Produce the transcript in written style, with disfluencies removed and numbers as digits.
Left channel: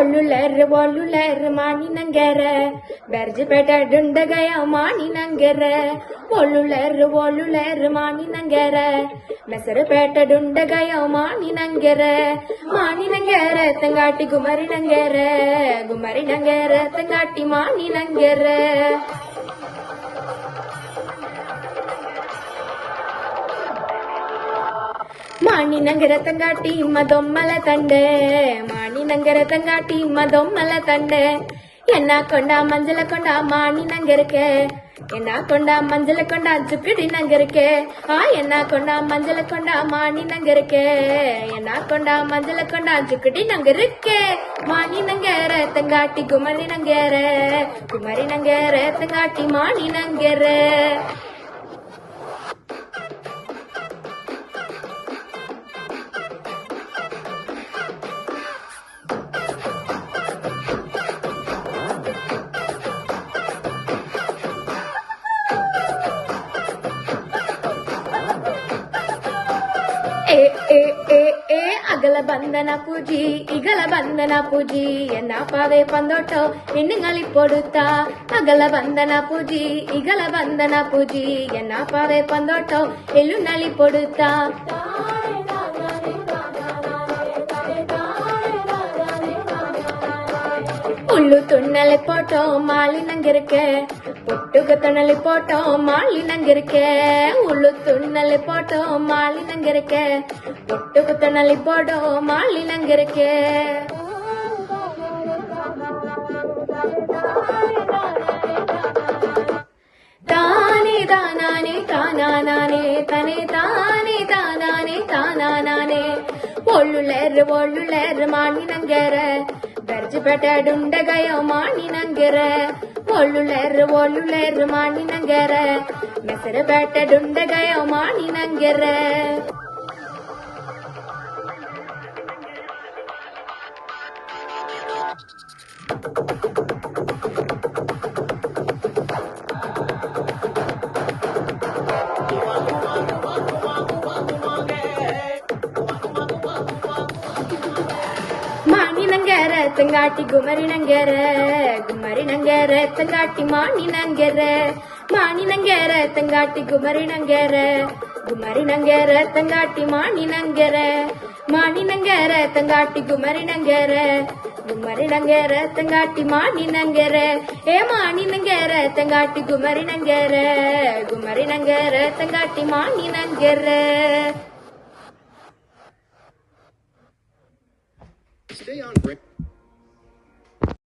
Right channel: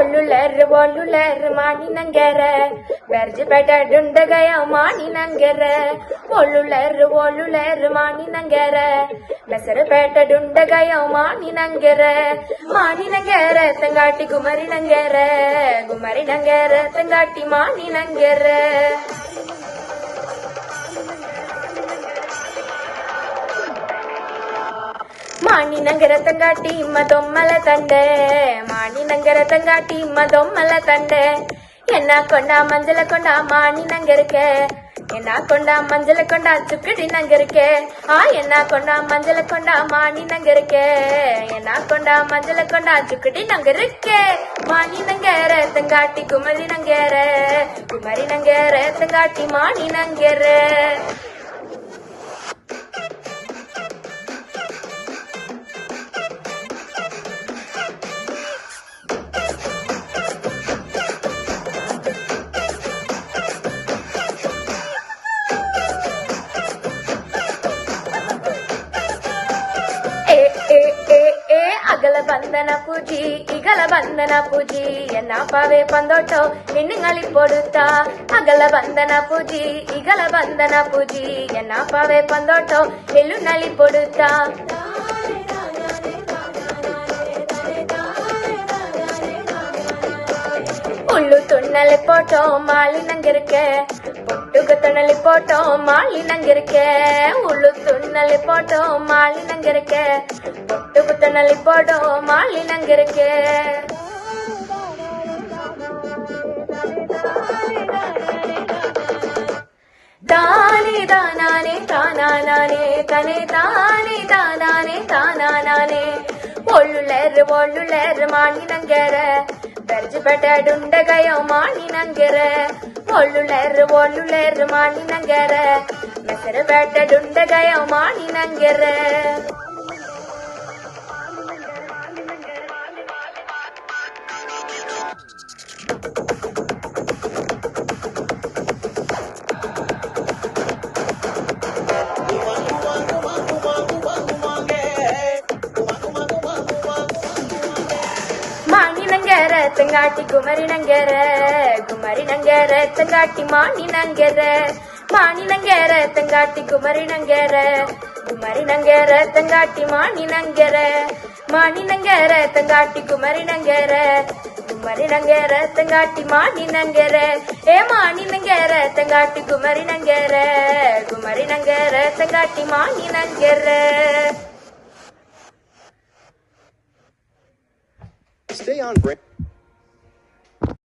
ಒಳ್ಳುಳರ್ ಮಾಣಿ ನಂಗೆರ ಬೆರ್ಜಿಪೇಟೆ ಡುಂಡಗಯ ಮಾಣಿ ನಂಗೆರ ಒಳ್ಳುಳರ್ ಮಾಣಿ ನಂಗೆರ ಮೆಸರಪೇಟೆ ಡುಂಡಗಯ ಮಾಣಿ ನಂಗೆರ ತಂಗಾಟಿ ಗುಮರಿ ನಂಗೆರ ತಂಗಾಟಿ ಮಾಣಿ ನಂಗೆರ ಮಾಣಿ ನಂಗೆರ ತಂಗಾಟಿ ಮದೊಮ್ಮಲ ತಂಡೆ ಮಾಣಿ ನಂಗೆರ ತಂಗಾಟಿ ಮದೊಮ್ಮಲ ತಂಡೆ ಎನ್ನ ಕೊಂಡ ಮಂಜಲ ಕೊಂಡ ಮಾಣಿ ನಂಗೆರಕೆ ಎನ್ನ ಕೊಂಡ ಮಂಜಲ ಕೊಂಡ ಚುಕ್ಕಡಿ ನಂಗೆರಕೆ ಎನ್ನ ಕೊಂಡ ಮಂಜಲ ಕೊಂಡ ಮಾಣಿ ನಂಗೆರಕೆ ಎನ್ನ ಕೊಂಡ ಮಂಜಲ ಕೊಂಡ ಚುಕ್ಕಡಿ ನಂಗೆರಕೆ ಮಾಣಿ ನಂಗೆರ ತಂಗಾಟಿ ಗುಮರಿ ನಂಗೆರ ತಂಗಾಟಿ ಮಾಣಿ ನಂಗೆರ അകല ബന്ധന പൂജി ഇകല ബന്ധന പൂജി എന്നാ പാവേ പന്തോട്ടോ ಹೆಣ್ಣುങ്ങളി പൊടുത്ത അകല ബന്ധന പൂജി ഇകല ബന്ധന പൂജി എന്നാ പാവേ പന്തോട്ടോ ಹೆಣ್ಣುങ്ങളി പൊടുത്ത உள்ளு துண்ணலை போட்டோம் மாலி நங்கிருக்க பொட்டுக்கு துணலி போட்டோம் மாலி நங்கிருக்க உள்ளு துண்ணலை போட்டோம் மாலி நங்கிருக்க பொட்டுக்கு துணலி போட்டோம் மாலி நங்கிருக்க தானே தானானே தானானே தனே தானே தானானே தானானே ಒಳ್ಳುಳರ್ ಮಾಣಿ ನಂಗೆರ ಬೆರ್ಜಿಪೇಟೆ ಡುಂಡಗಯ ಮಾಣಿ ನಂಗೆರ ಒಳ್ಳುಳರ್ ಮಾಣಿ ನಂಗೆರ ಮೆಸರಪೇಟೆ ಡುಂಡಗಯ ಮಾಣಿ ನಂಗೆರ ಮಾಣಿ ನಂಗೆರ ತಂಗಾಟಿ ಗುಮರಿ ನಂಗೆರ ತಂಗಾಟಿ ಮಾಣಿ ನಂಗೆರ ಮಾಣಿ ನಂಗೆರ ತಂಗಾಟಿ ಗುಮರಿ ನಂಗೆರ ತಂಗಾಟಿ ಮಾಣಿ ನಂಗೆರ ಮಾಣಿ ನಂಗೆರ ತಂಗಾಟಿ ಗುಮರಿ ನಂಗೆರ ತಂಗಾಟಿ ಮಾಣಿ ನಂಗೆರ ಮಾಣಿ ನಂಗೆರ ತಂಗಾಟಿ ಗುಮರಿ ನಂಗೆರ ತಂಗಾಟಿ ಮಾಣಿ ನಂಗೆರ Stay on brand.